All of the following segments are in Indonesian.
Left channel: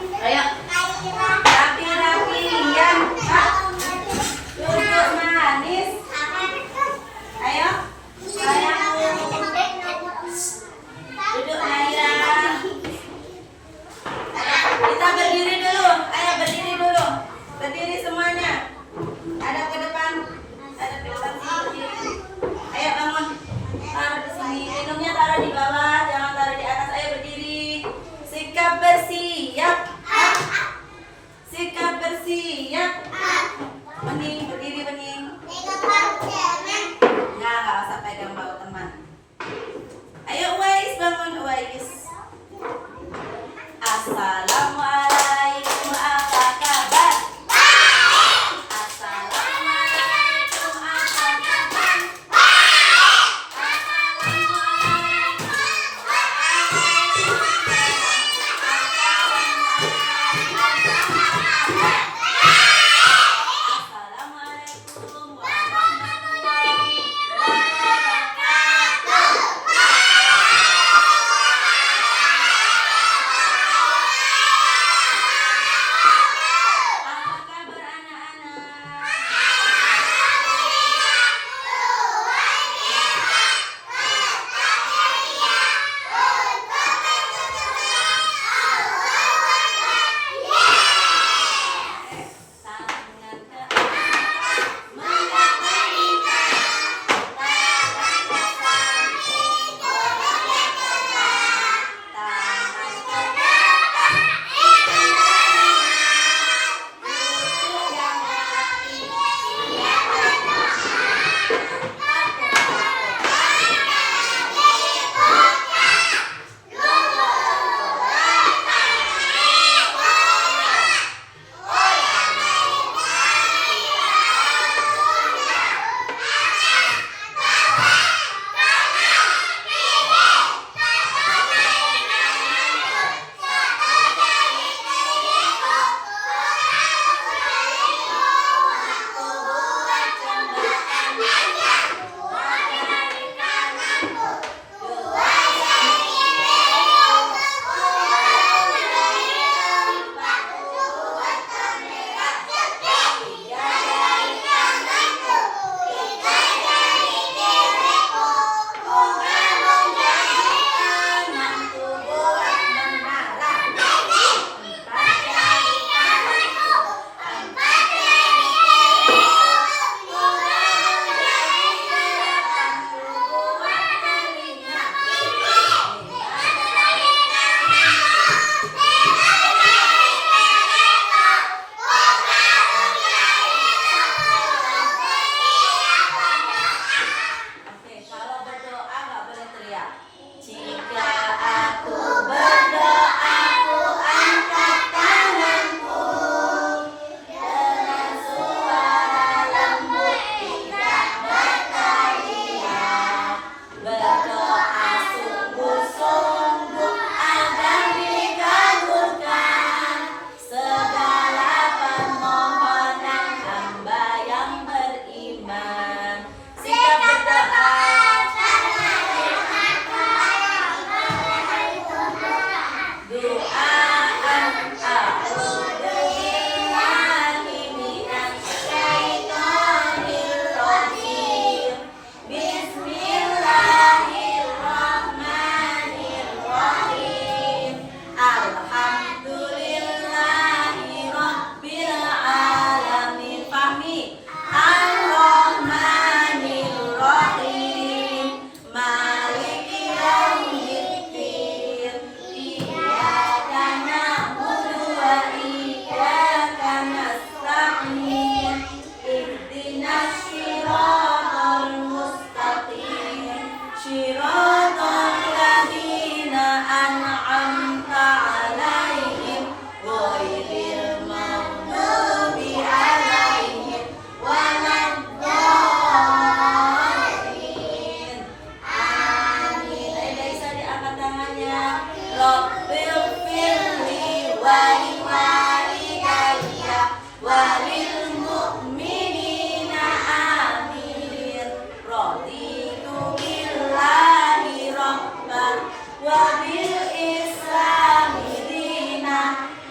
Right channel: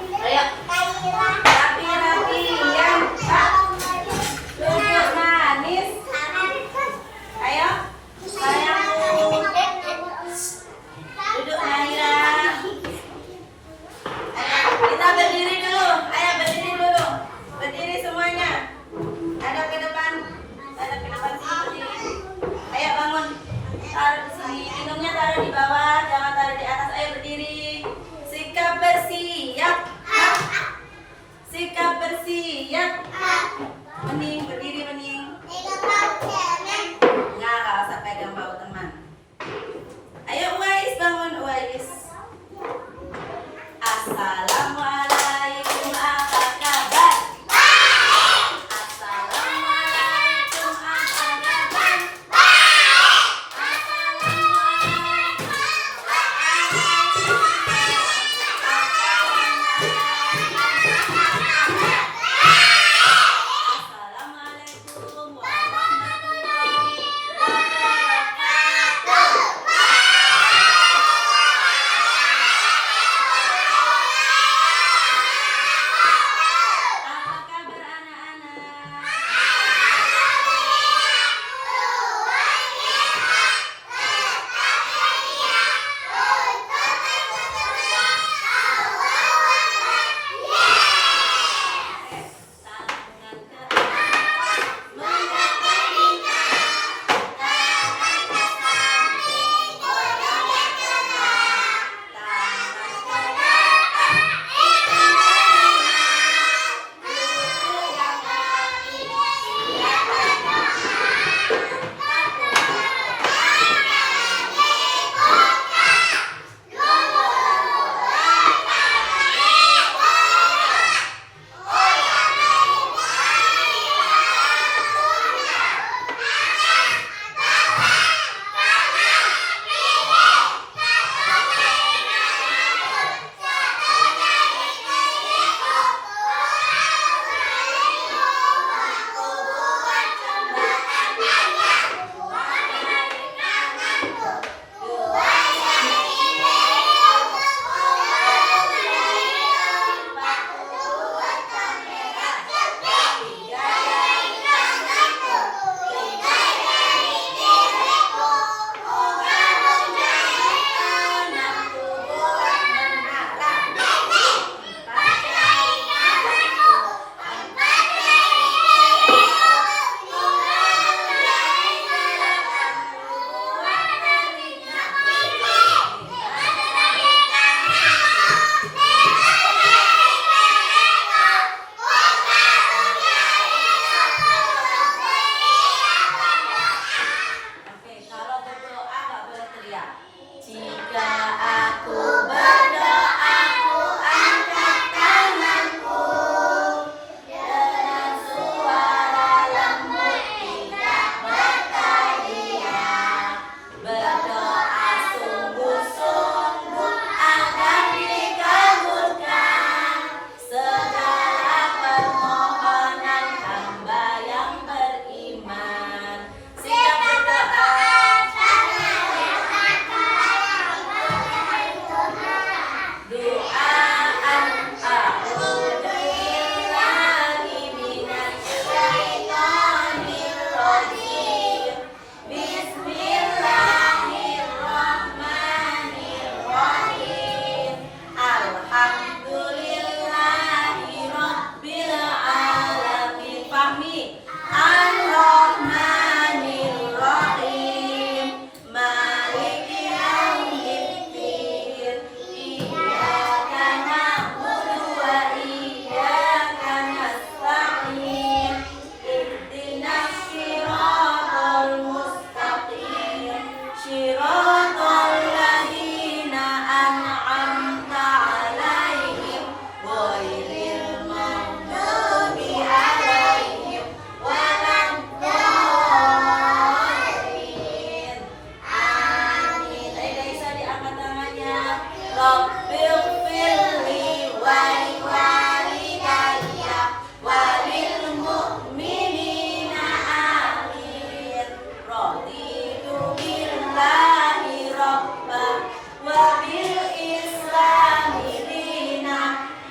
Ayo. Rapi-rapi yang duduk manis. Ayo. Sayangku. Duduk Naira. Ayo, kita berdiri dulu. Ayo berdiri dulu. Berdiri semuanya. Ada ke depan. Ada ke depan sini. Ayo bangun. Taruh di sini. Minumnya taruh di bawah. Jangan taruh di atas. Ayo berdiri. Sikap bersiap. Sikap bersiap. Bening berdiri bening. Nah, nggak usah pegang bahu teman. Ayo Uwais bangun Uwais. Assalamualaikum, apa kabar? Assalamualaikum, apa kabar?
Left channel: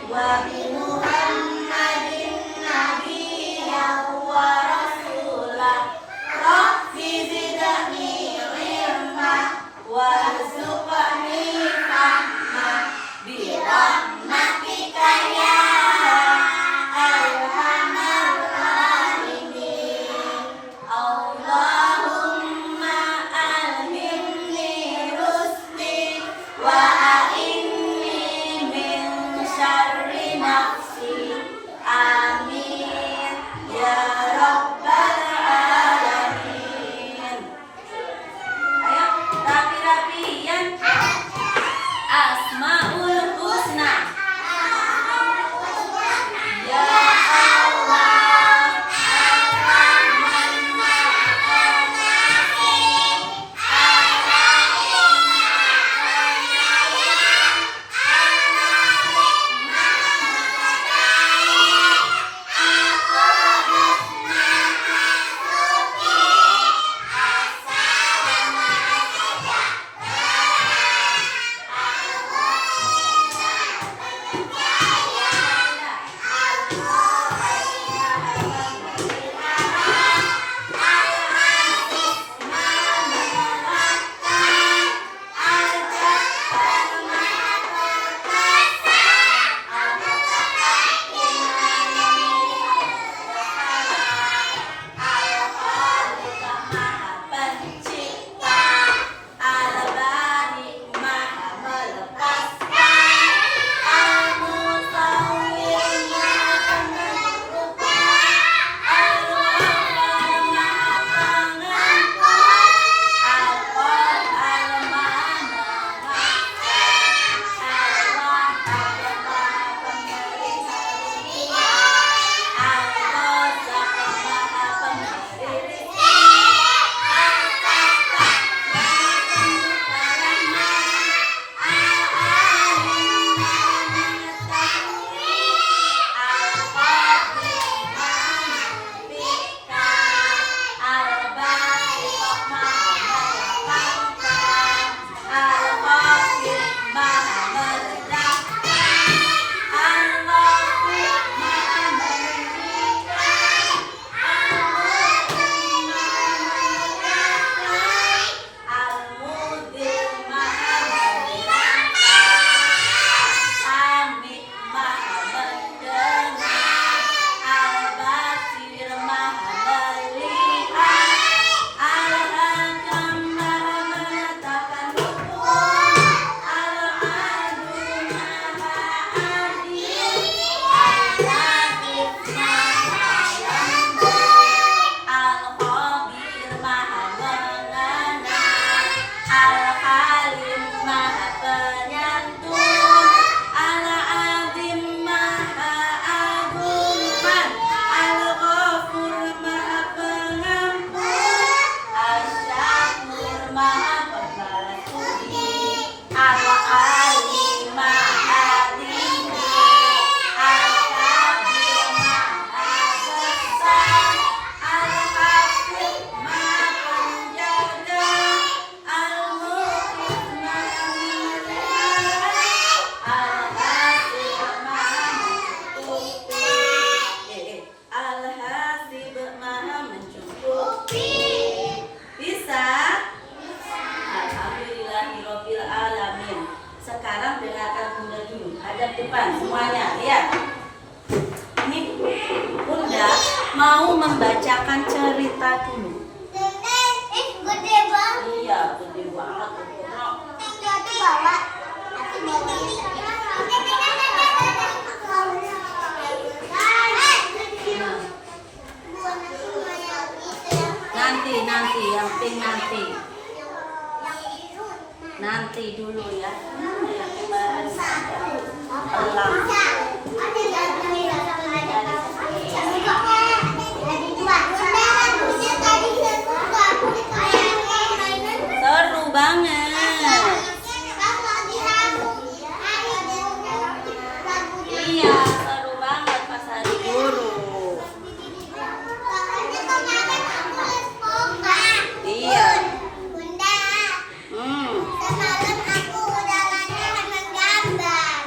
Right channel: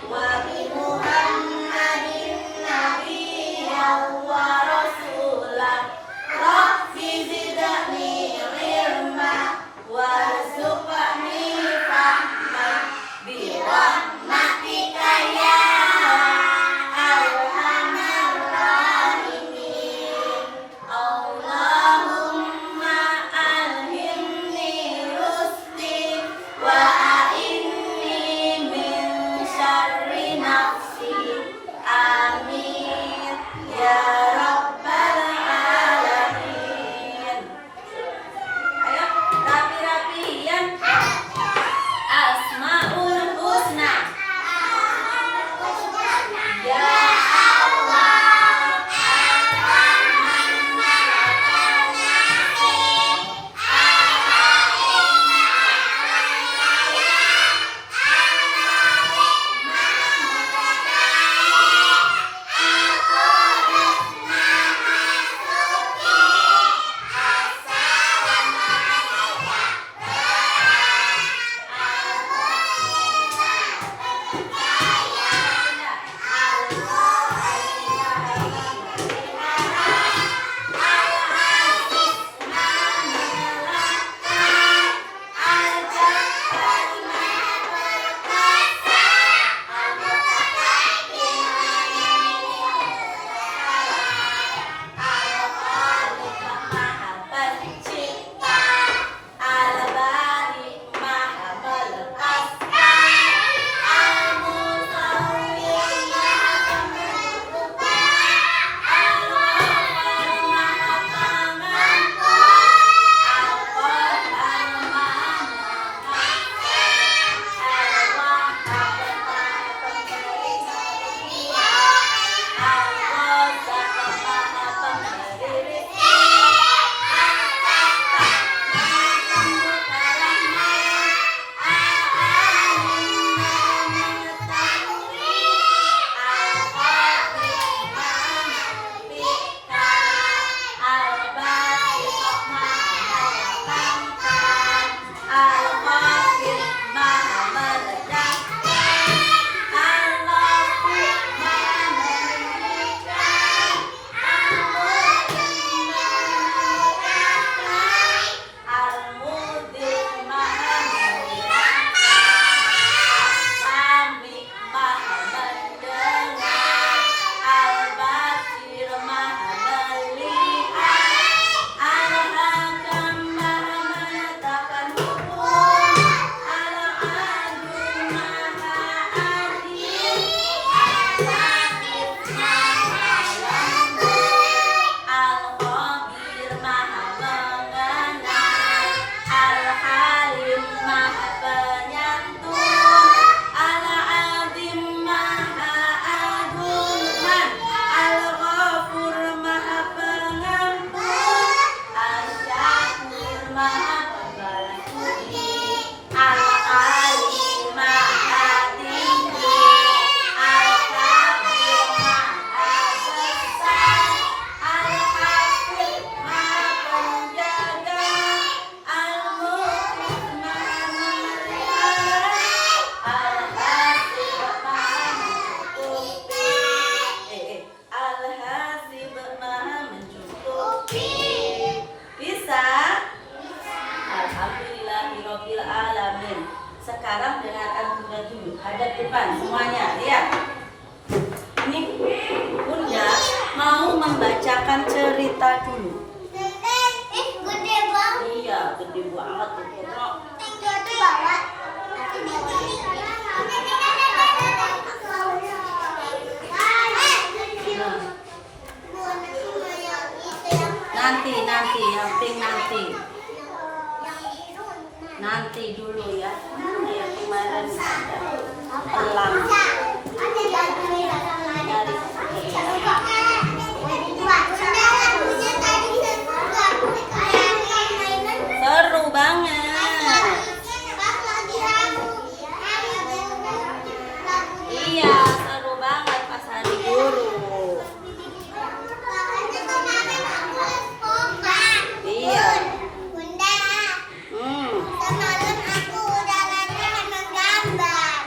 wa bi Muhammadin nabiyyan wa rasulan rabbi zidni ilma warzuqni fahma bi rahmatika ya arhamar rahimin. Allahumma alhimni rusdi wa a'inni min syarri nafsi. Amin ya rabbal alamin. Ayo rapi-rapian. Asmaul husna. Ya Allah, hadap depan semuanya, lihat. Ini Bunda mau membacakan cerita dulu. Gede banget. Iya, gede banget. Itu bawa. Nanti yang pink nanti dulu ya. Yang kemarin saja elang. Seru banget. Iya, seru banget pas hari guru. Iya. Semalam aku udah latihan menggambar.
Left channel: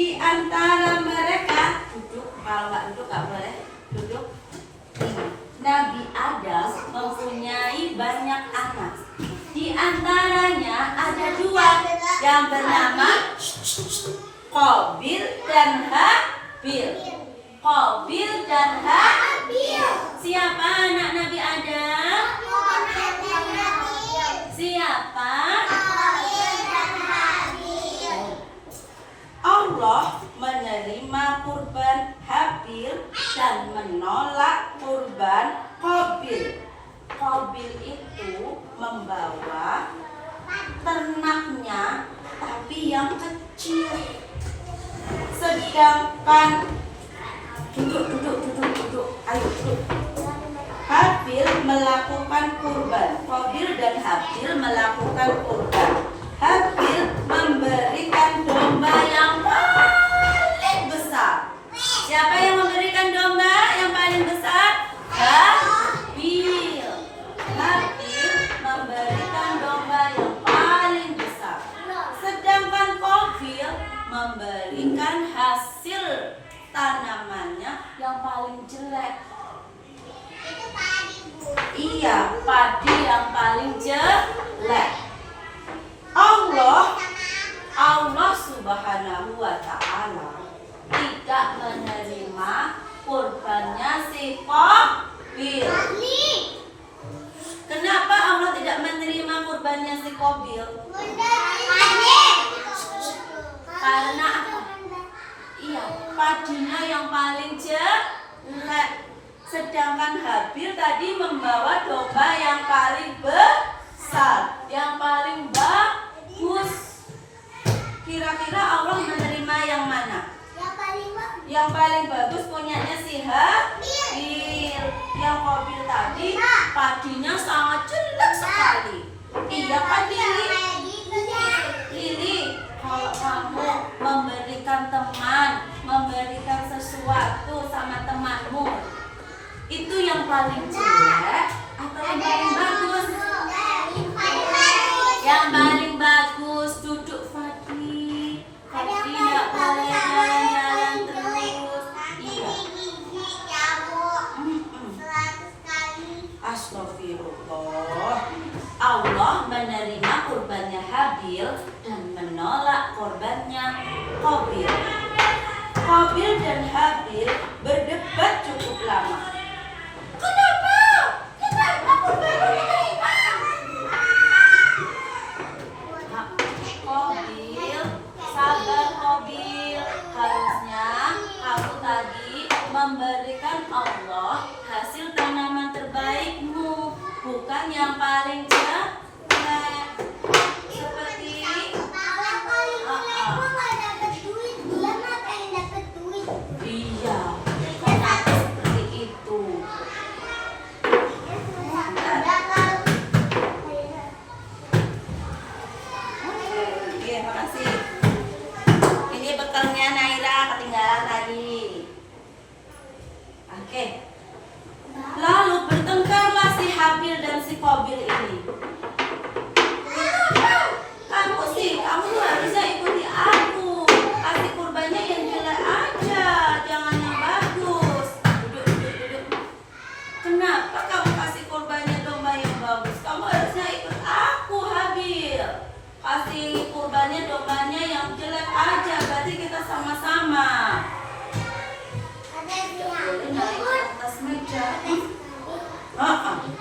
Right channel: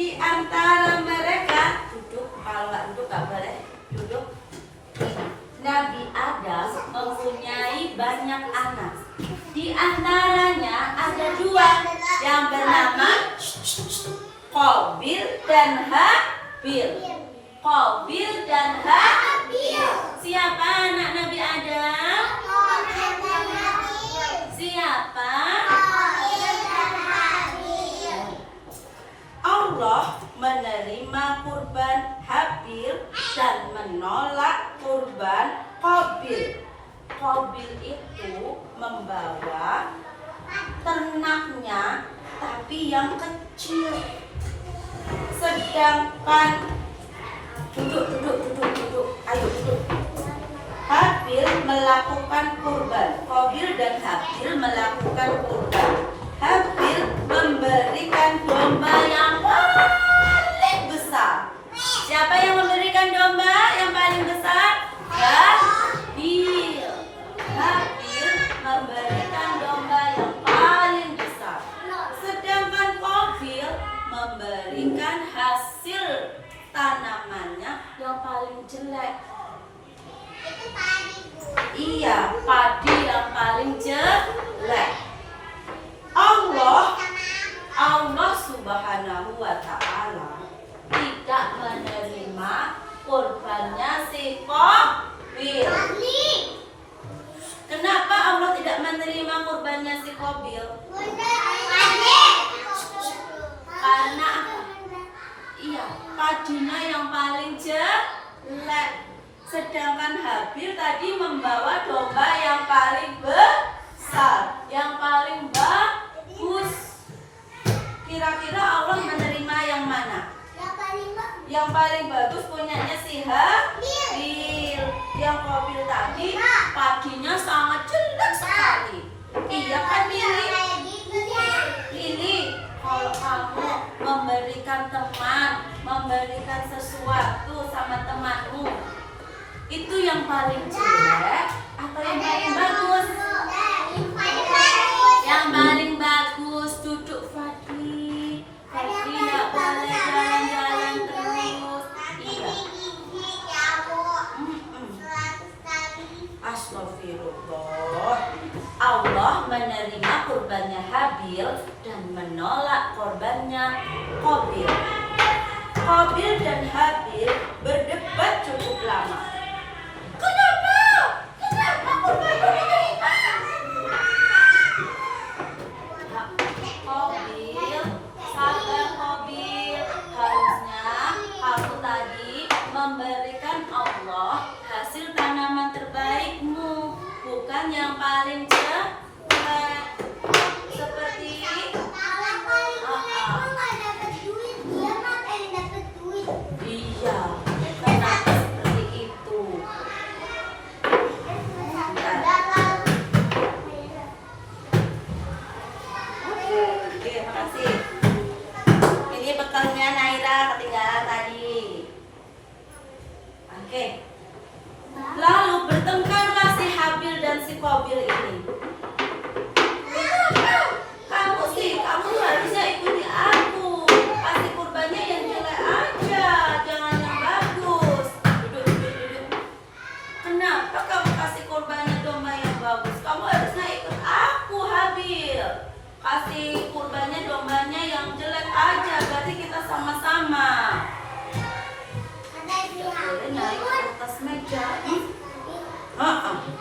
Di antara mereka duduk, kalau nggak duduk nggak boleh duduk. Nabi Adam mempunyai banyak anak. Di antaranya ada dua yang bernama Qabil dan Habil. Qabil dan Habil. Siapa anak Nabi Adam? Siapa? Allah menerima kurban Habil dan menolak kurban Qabil. Qabil itu membawa ternaknya tapi yang kecil. Sedangkan duduk. Ayo duduk. Habil melakukan kurban. Qabil dan Habil melakukan kurban. Habil memberikan domba yang paling besar. Siapa yang memberikan domba yang paling besar? Habil. Habil memberikan domba yang paling besar. Sedangkan Qabil memberikan hasil tanamannya yang paling jelek. Iya, padi yang paling jelek. Allah Subhanahu wa ta'ala tidak menerima kurbannya si Qabil. Kenapa Allah tidak menerima kurbannya si Qabil? Karena apa? Iya, padunya yang paling jelek. Sedangkan Habil tadi membawa domba yang paling besar, yang paling bagus. Kira-kira Allah menerima yang mana? Yang paling bagus punyanya si Habil. Yang Qabil tadi padinya sangat jelek sekali. Iya kan Lili? Kalau kamu memberikan teman, memberikan sesuatu sama temanmu, itu yang paling jelek atau yang paling bagus? Yang paling bagus. Duduk Fadli. Fadli nggak boleh jalan-jalan terus. Iya. Astagfirullah. Allah menerima kurbannya Habil dan menolak kurbannya Qabil. Qabil dan Habil berdebat cukup lama. Kenapa kurbannya diterima? Qabil, sabar Qabil. Harusnya aku tadi memberikan Allah hasil tanaman terbaikmu, bukan yang paling jelek. Seperti iya, kenapa seperti itu? Oke, makasih. Ini bekalnya Naira ketinggalan tadi. Oke. Lalu bertengkarlah si Habil dan si Qabil ini. Kamu harusnya ikuti aku. Kasih kurbannya yang jelek aja, jangan yang bagus. Duduk. Kenapa kamu kasih kurbannya domba yang bagus? Kamu harusnya ikut aku, Habil. Kasih kurbannya dombanya yang jelek aja, berarti kita sama-sama. Boleh naik ke atas meja.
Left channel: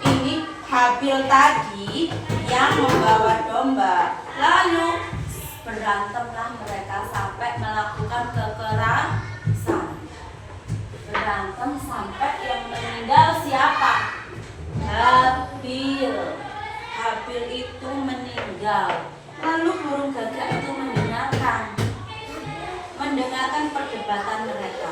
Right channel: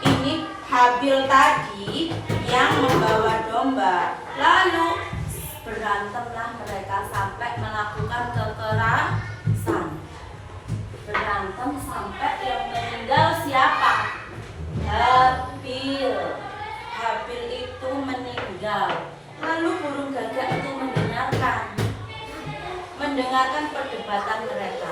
Ini Habil tadi yang membawa domba. Lalu berantemlah mereka sampai melakukan kekerasan. Berantem sampai yang meninggal siapa? Habil. Habil itu meninggal. Lalu burung gagak itu mendengarkan perdebatan mereka.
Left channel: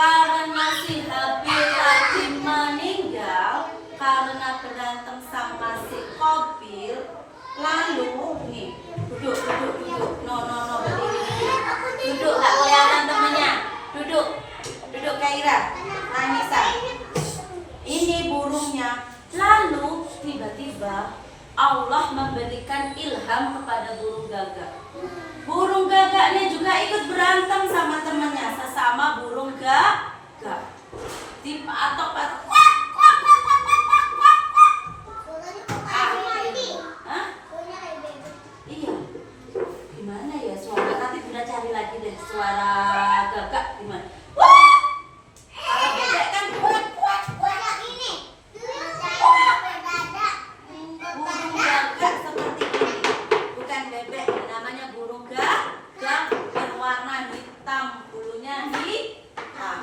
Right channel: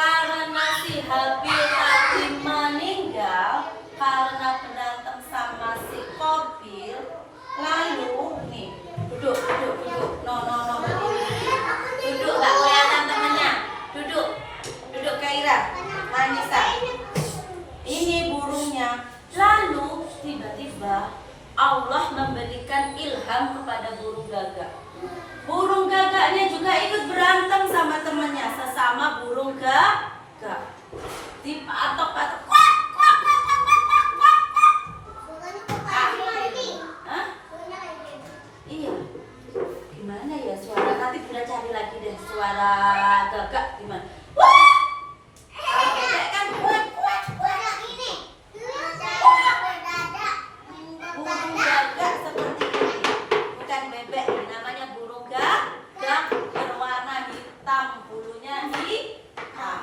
Karena si Habil tadi meninggal karena berantem sama si Qabil. Lalu nih, duduk. No, berdiri. Duduk, gak kelihatan temennya. Duduk Kaira, Anissa. Ini burungnya. Lalu tiba-tiba Allah memberikan ilham kepada burung gagak. Burung gagaknya juga ikut berantem sama temannya, sesama burung gagak. Dipatok-patok. Suaranya kok kayak mandi? Hah? Suaranya kayak bebek. Iya. Gimana ya suara? Nanti Bunda cari lagi deh suara gagak gimana. Wah! Kalau bebek kan kuat-kuat. Suara ini. Suara berdada. Burung gagak seperti ini. Bukan bebek, namanya burung gagak berwarna hitam, bulunya hitam.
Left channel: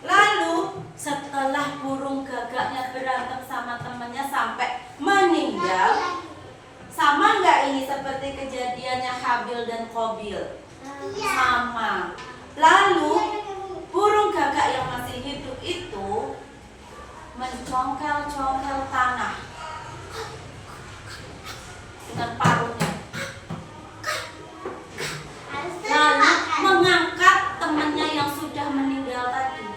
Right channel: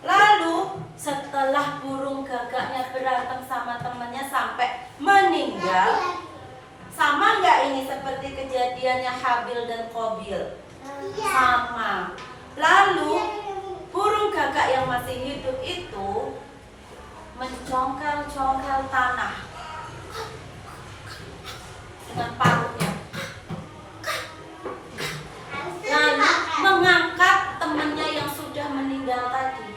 Lalu setelah burung gagaknya berantem sama temannya sampai meninggal, sama nggak ini seperti kejadiannya Habil dan Qabil? Sama. Lalu burung gagak yang masih hidup itu mencongkel-congkel tanah dengan paruhnya. Lalu mengangkat temannya yang sudah meninggal tadi.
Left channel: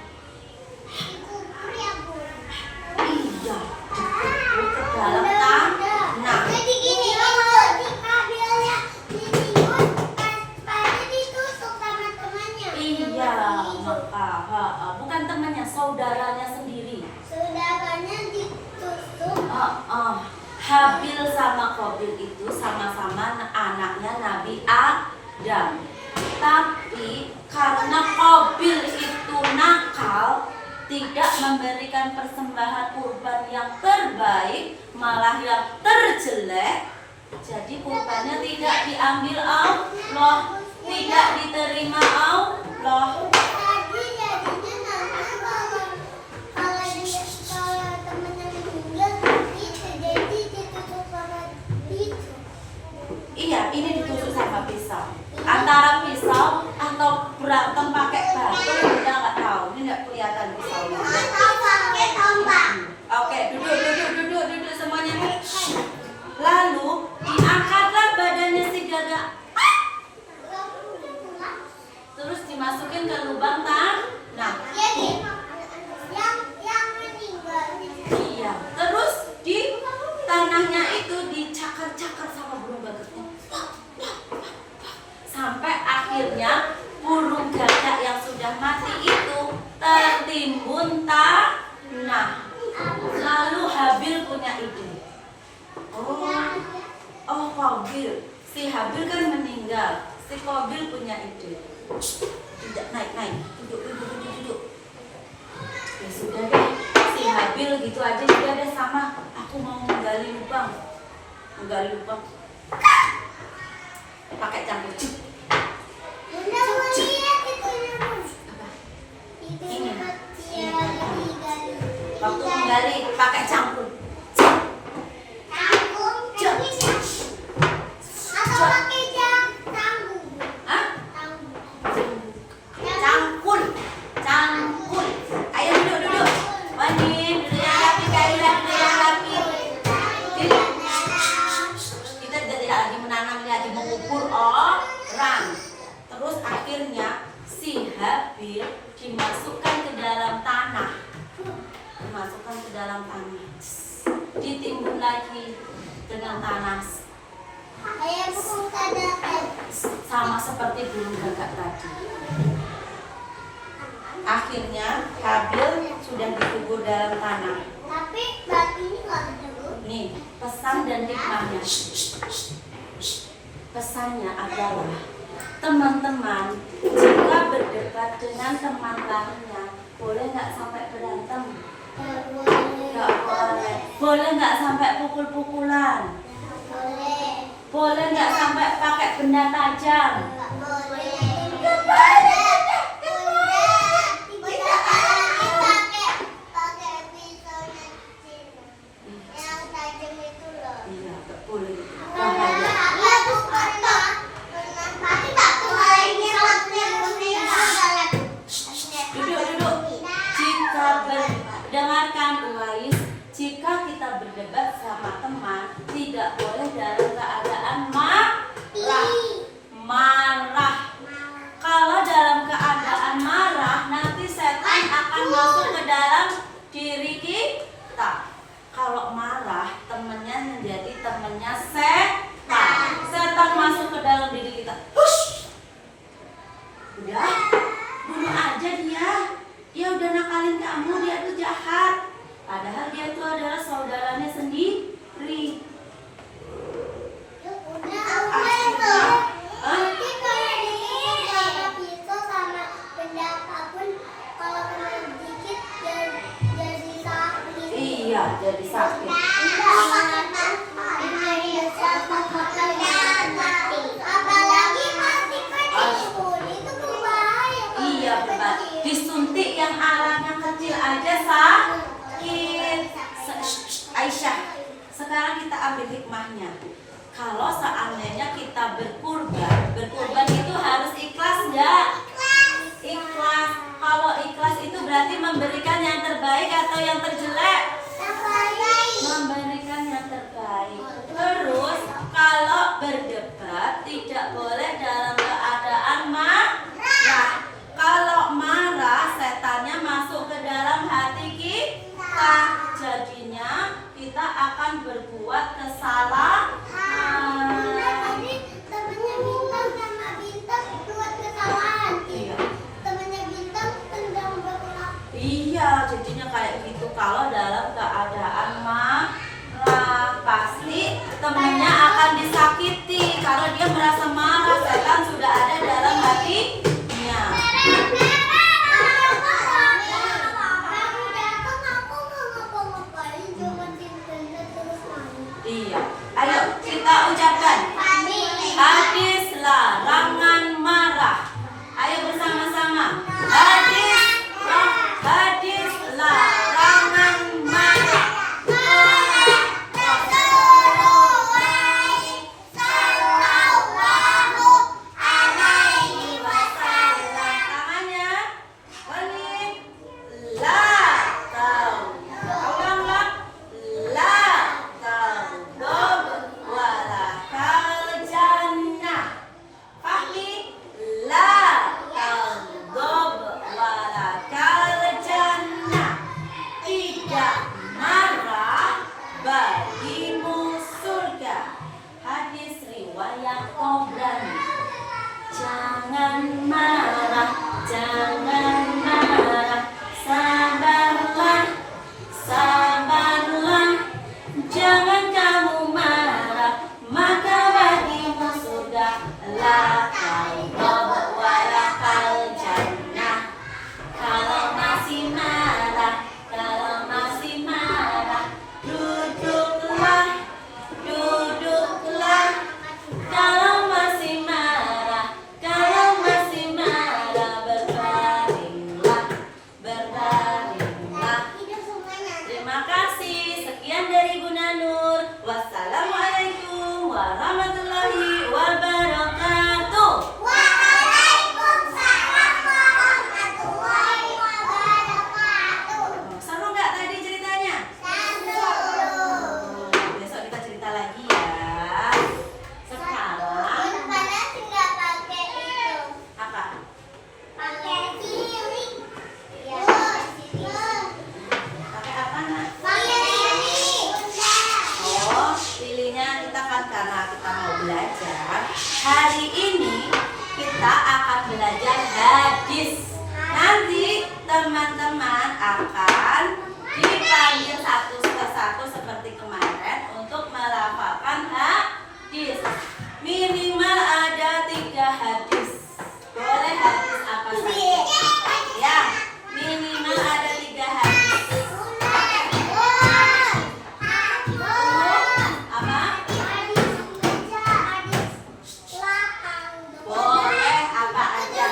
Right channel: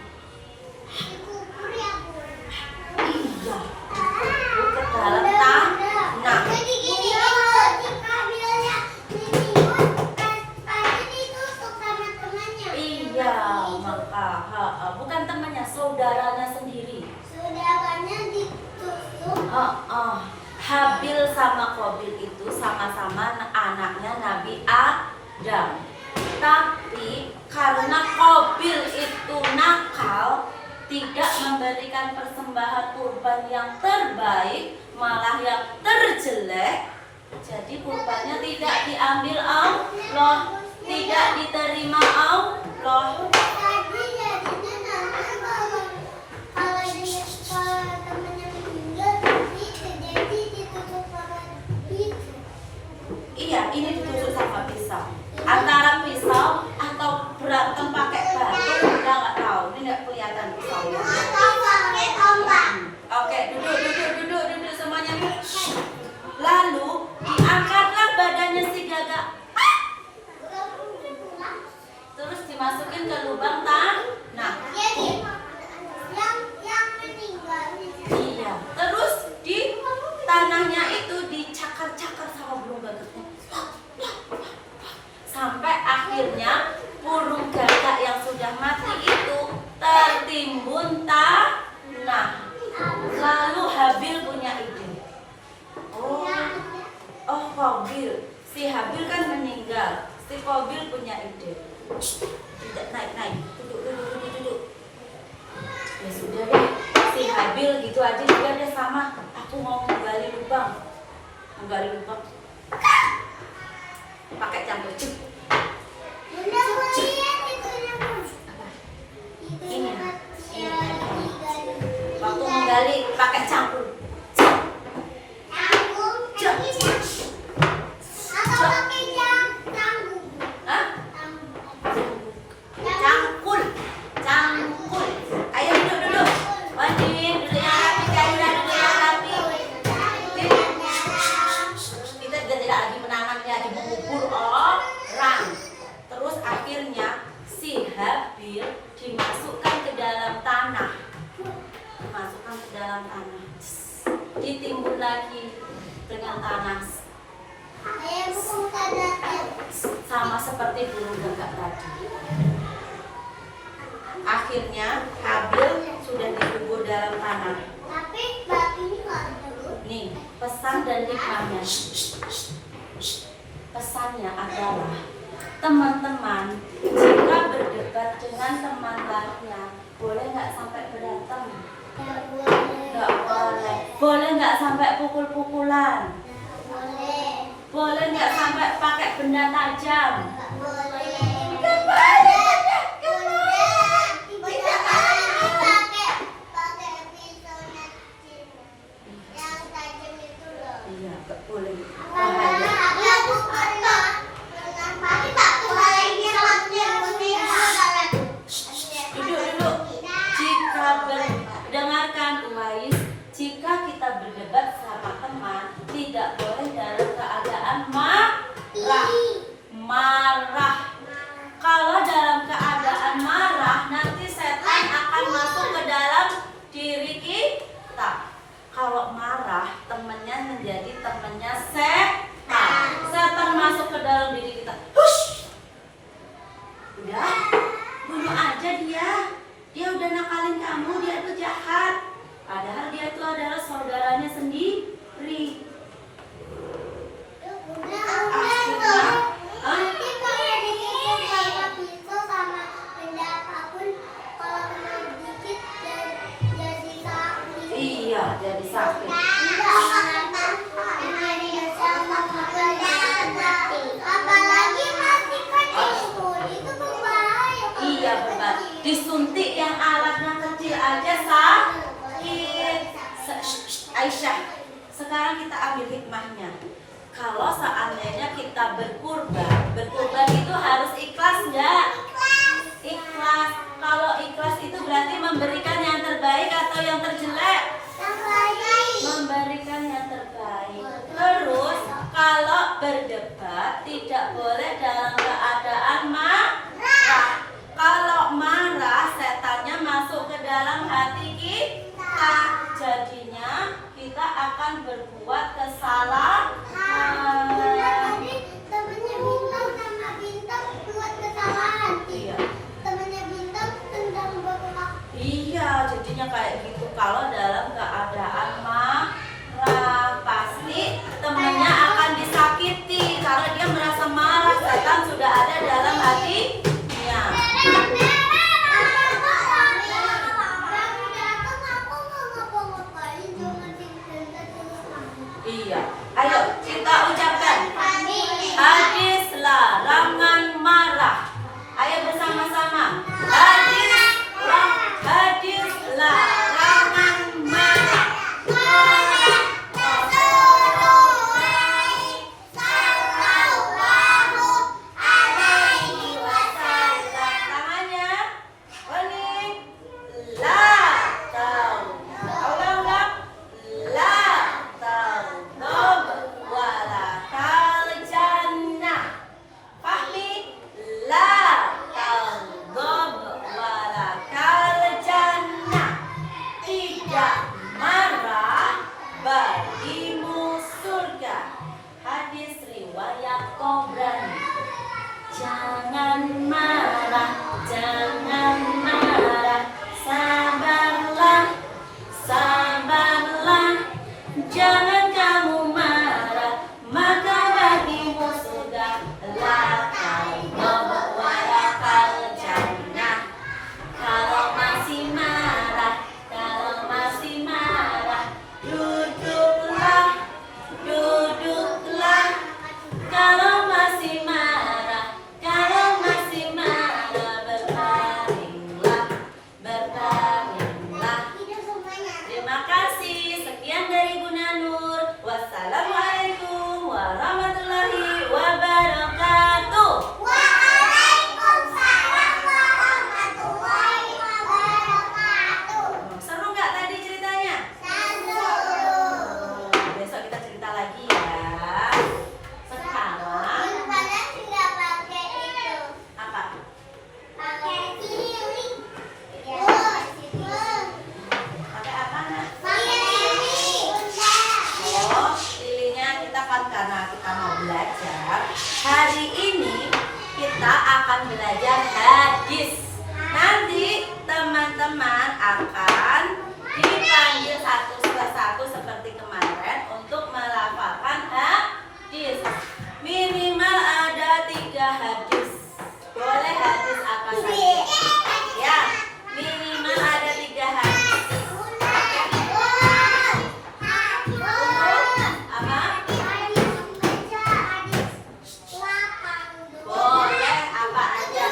Iya, dikubur ke dalam tanah. Jadi gini, ketika dia ditimbun, tadi ditusuk sama temannya. Iya, maka bukan temannya, saudaranya sendiri. Saudaranya ditusuk. Habil sama Qabil itu sama-sama anaknya Nabi Adam. Tapi karena Qabil itu nakal, tidak memberikan persembahan kurban yang terbaik, malah yang terjelek, jadi kurbannya tidak diambil Allah, tidak diterima Allah. Tadi jadinya nanti kalau dia temennya meninggal, itu jadi ditusuk sama itu. Iya, ini ditusuk sama pisau. Antara pisau atau berantem pakai batu, udah nggak tahu. Ini nggak kelihatan pisaunya. Atau pakai tombak. Oke, duduk semuanya. Lalu diangkatlah badannya si gagak, terus dimasukin ke lubang tanah. Jadi yang meninggal. Iya, terus di tanahnya itu dicakar-cakar sama burung gagak. Sampai akhirnya burung gagak yang sudah mati itu tertimbun tanah. Lalu Habil punya ide. Oh Qabil, si Habil kan meninggal. Si Qabil punya ide. Tidak naik, duduk. Ya sudah deh, si Habil gitu aja juga deh sama. Aku mau menggali lubang. Pakai cangkul. Bunda mau lihat itunya, Bun. Ini. Itunya Waktu menggali pakai cangkul. tanggung, atau pakai tanggung. Hah? Tanggung. Cangkul. Ayo duduk. Wandi, duduk yang rapi, Kaila duduk yang rapi. Kita jadi lagi menanam, lagi mengubur orang. Terus akhirnya si Habil dimasukkan ke dalam tanah. Ditimbun lagi dengan tanah. Ayah burung gagak. Sama seperti burung gagak tadi. Akhirnya Habil sudah dikubur dalam tanah. Tapi batunya nggak ada, Bun. Nih, pesan dan hikmahnya. Pesannya adalah, teman-teman, jika berdebat dengan teman lainnya, boleh nggak sampai berantem? Nggak boleh. Nggak boleh. Boleh nggak sampai pukul-pukulan? Nggak boleh. Boleh nggak sampai pakai benda tajam? Nggak boleh. Nggak boleh. Bisa lagi pakai pisaunya yang tajam itu loh. Iya, nggak boleh. Bahaya. Bahaya. Iya, Bu. Tapi batu lainnya pakai pisau. Duduk. Dengarkan Uwais, jika kita berdebat sama teman, tidak boleh dalam keadaan marah. Kalau dalam keadaan marah, nanti setan akan masuk ke dalam diri kita. Iya, jadi sakit. Apalagi masih kecil itu berbahaya. Iya benar. Disuntik yang alatnya kecil aja sakit. Aisyah, sekarang kita ambil hikmahnya. Kalau seandainya kita berkurban itu harus ikhlas nggak? Ikhlas. Kalau ikhlas itu berarti memberikan yang terbaik atau yang terjelek? Memberikan yang terbaik. Terus kalau berdebat tidak boleh dalam keadaan marah. Kalau marah setannya masuk ke dalam hati kita. Jadinya kita akan berbuat kesalahan. Tadi temennya Bintang sama Bintang buat kesalahan. Iya. Temennya Bintang tendang bola. Iya, jadinya kayak gitu. Kalau dalam keadaan marah, pasti temennya akan disakiti karena dia merasa marah. Setan sudah ada dalam hatinya. Iya. Ayo kita ucapkan hadis larangan marah. Ayo bersama-sama. Hadis larangan marah. Tangannya bening. La ulang-ulang. La taghdab wala kal jannah. Fahmi. La taghdab wala kal jannah. Tidak marah bagimu surga. Hadis riwayat Tabrani. Jangan marah, jangan marah, sabarlah, sabarlah. Jangan kamu marah, maka bagimu surga. La taghdab wala kal jannah. Kalau masih marah, duduklah, duduklah. Kalau masih marah, berbaringlah, berbaringlah. Terima kasih. Sekian dari Bunda Nur. Wassalamualaikum warahmatullahi wabarakatuh. Seru nggak tadi ceritanya? Besok kita cerita lagi ya. Sekarang apa? Pakai apa nak? Oh, pilihnya kita kan karena kita mau belajar. Hari ini kita akan belajar hadis. Nanti teman-teman akan dipanggil satu persatu seperti kemarin untuk melafalkan hadis. Minimal ada 3 hadis. Boleh hadis apa saja? Ya, minimal ada 3 hadis. Apa? Boleh apa aja.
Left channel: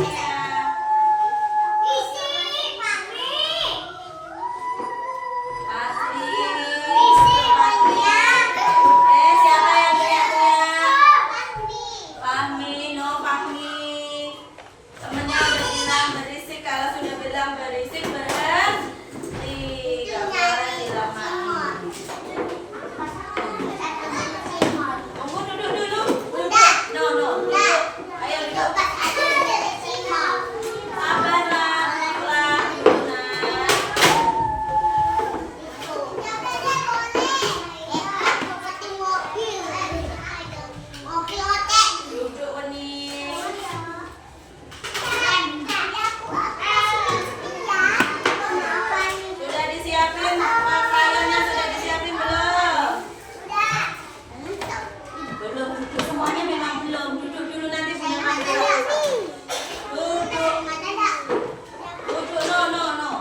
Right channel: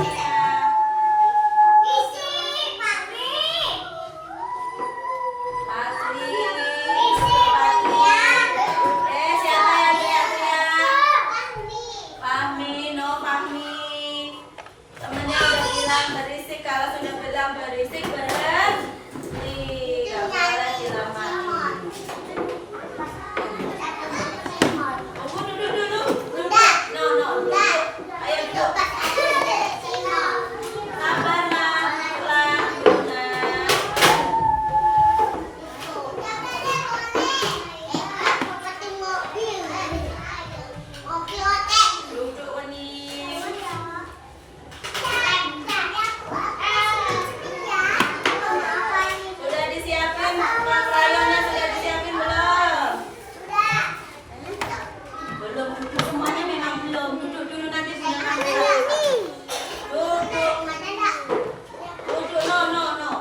Pastinya. Patri. Siapa yang teriak-teriak? Fahmi, no Fahmi. Temennya udah bilang berisik, kalau sudah bilang berisik berhenti. Gak boleh dilamain. Tunggu duduk dulu. Duduk. No, duduk. Ayo duduk. Sabar lah, pulang. Duduk Weni. Sudah disiapin? Makanannya sudah disiapin belum? Belum. Semuanya memang belum. Duduk dulu nanti minuman dulu. Duduk. Duduk. No.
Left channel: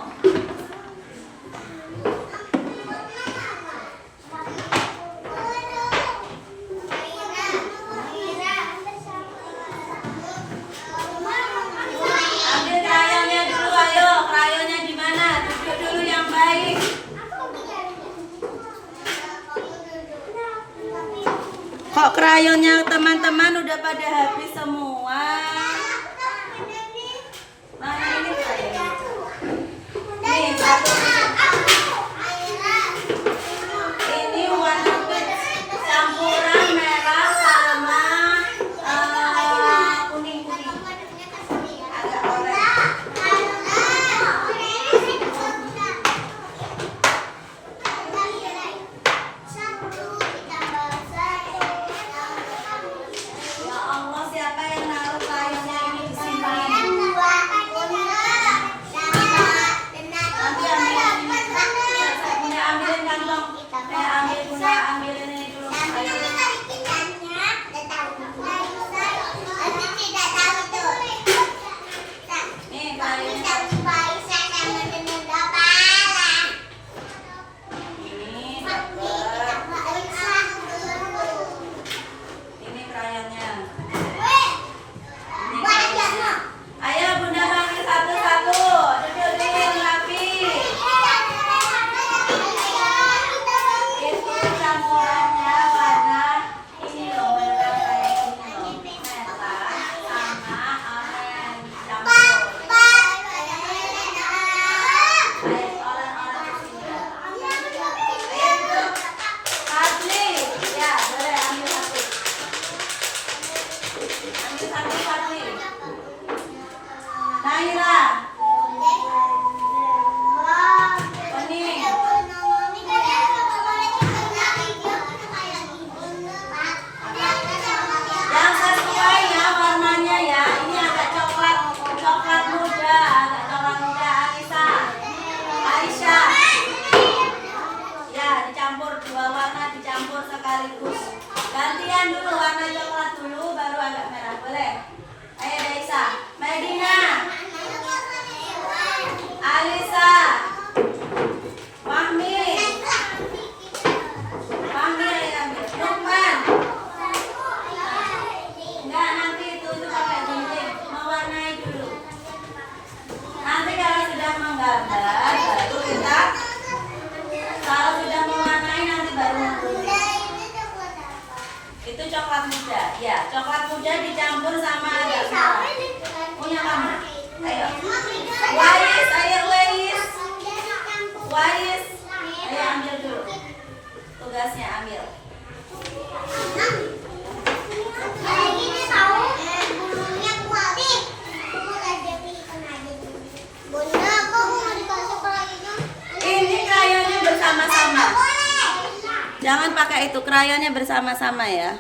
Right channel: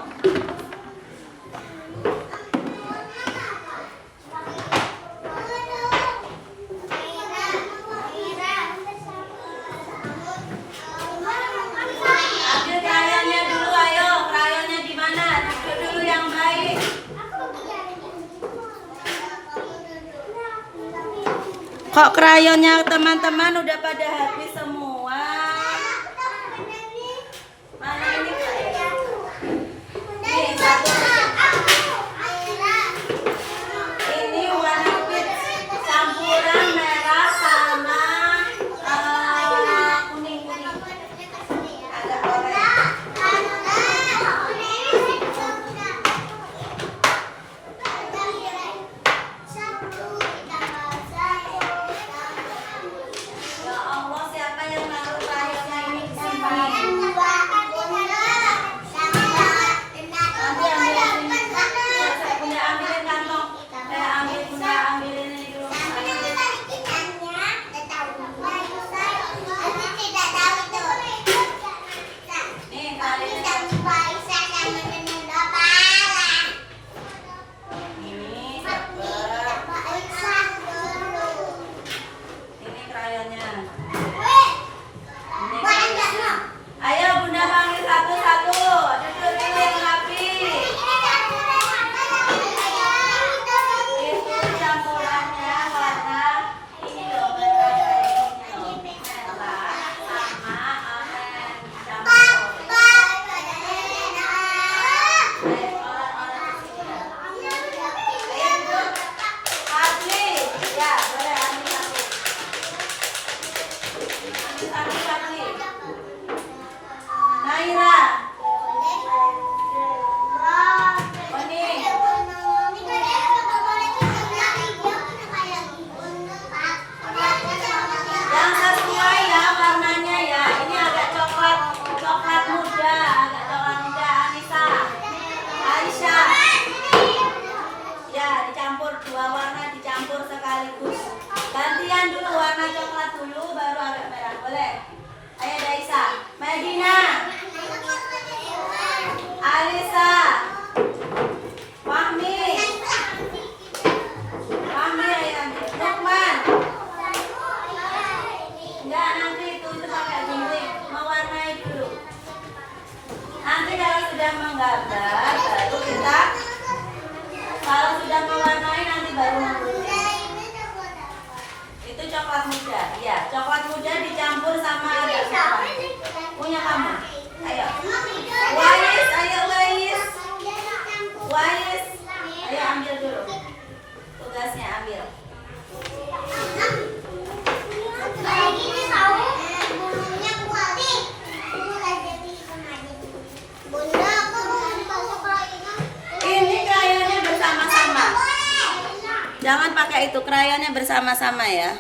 Ambil krayonnya dulu, ayo. Krayonnya di mana? Duduk dulu yang baik. Kok krayonnya teman-teman udah pada habis semua? Mana ini krayon? Nih, satu. Ini warna peach campuran merah sama kuning. Agak orange. Ya Allah, siapa yang naruh krayonnya ini di sini? Nanti ambilin ini. Saya punya ambilin kantong. Ambilin ini dulu. Nih krayonnya. Ini dapet. Ini krayonnya. Ayo Bunda panggil satu-satu. Duduk dulu rapi. Itu campurannya warna ini loh, merah ini loh. Merah sama oranye campur. Ayo orang-orang sudah. Ayo duduk. Fadli, ya boleh ambil satu. Ambil satu Fadli. Naila. Oni. Yang sesuai ya warnanya ya. Ini agak coklat muda, Anissa. Aisyah. Ya, dicampur dua warna dicampur sekaligus. Gantian dulu warna coklat dulu baru agak merah. Boleh? Ayo Daisa. Medina. Alisa. Fahmi. Ayo ambil. Lukman. Enggak, nanti itu pakai gunting. Mewarnai dulu. Nanti kalau sudah menggambar, baru kita. Kalau sudah mewarnai nanti baru menggunting. Itu coklat muda. Ya, coklat muda dicampur sama agak merah. Punya kamu. Ayo. Wais, ayo Wais. Wais. Ayo ambil dulu. Tugasnya ambil. Ini krayonnya bersama-sama. Jangan pakai itu, krayonnya bersama-sama ya.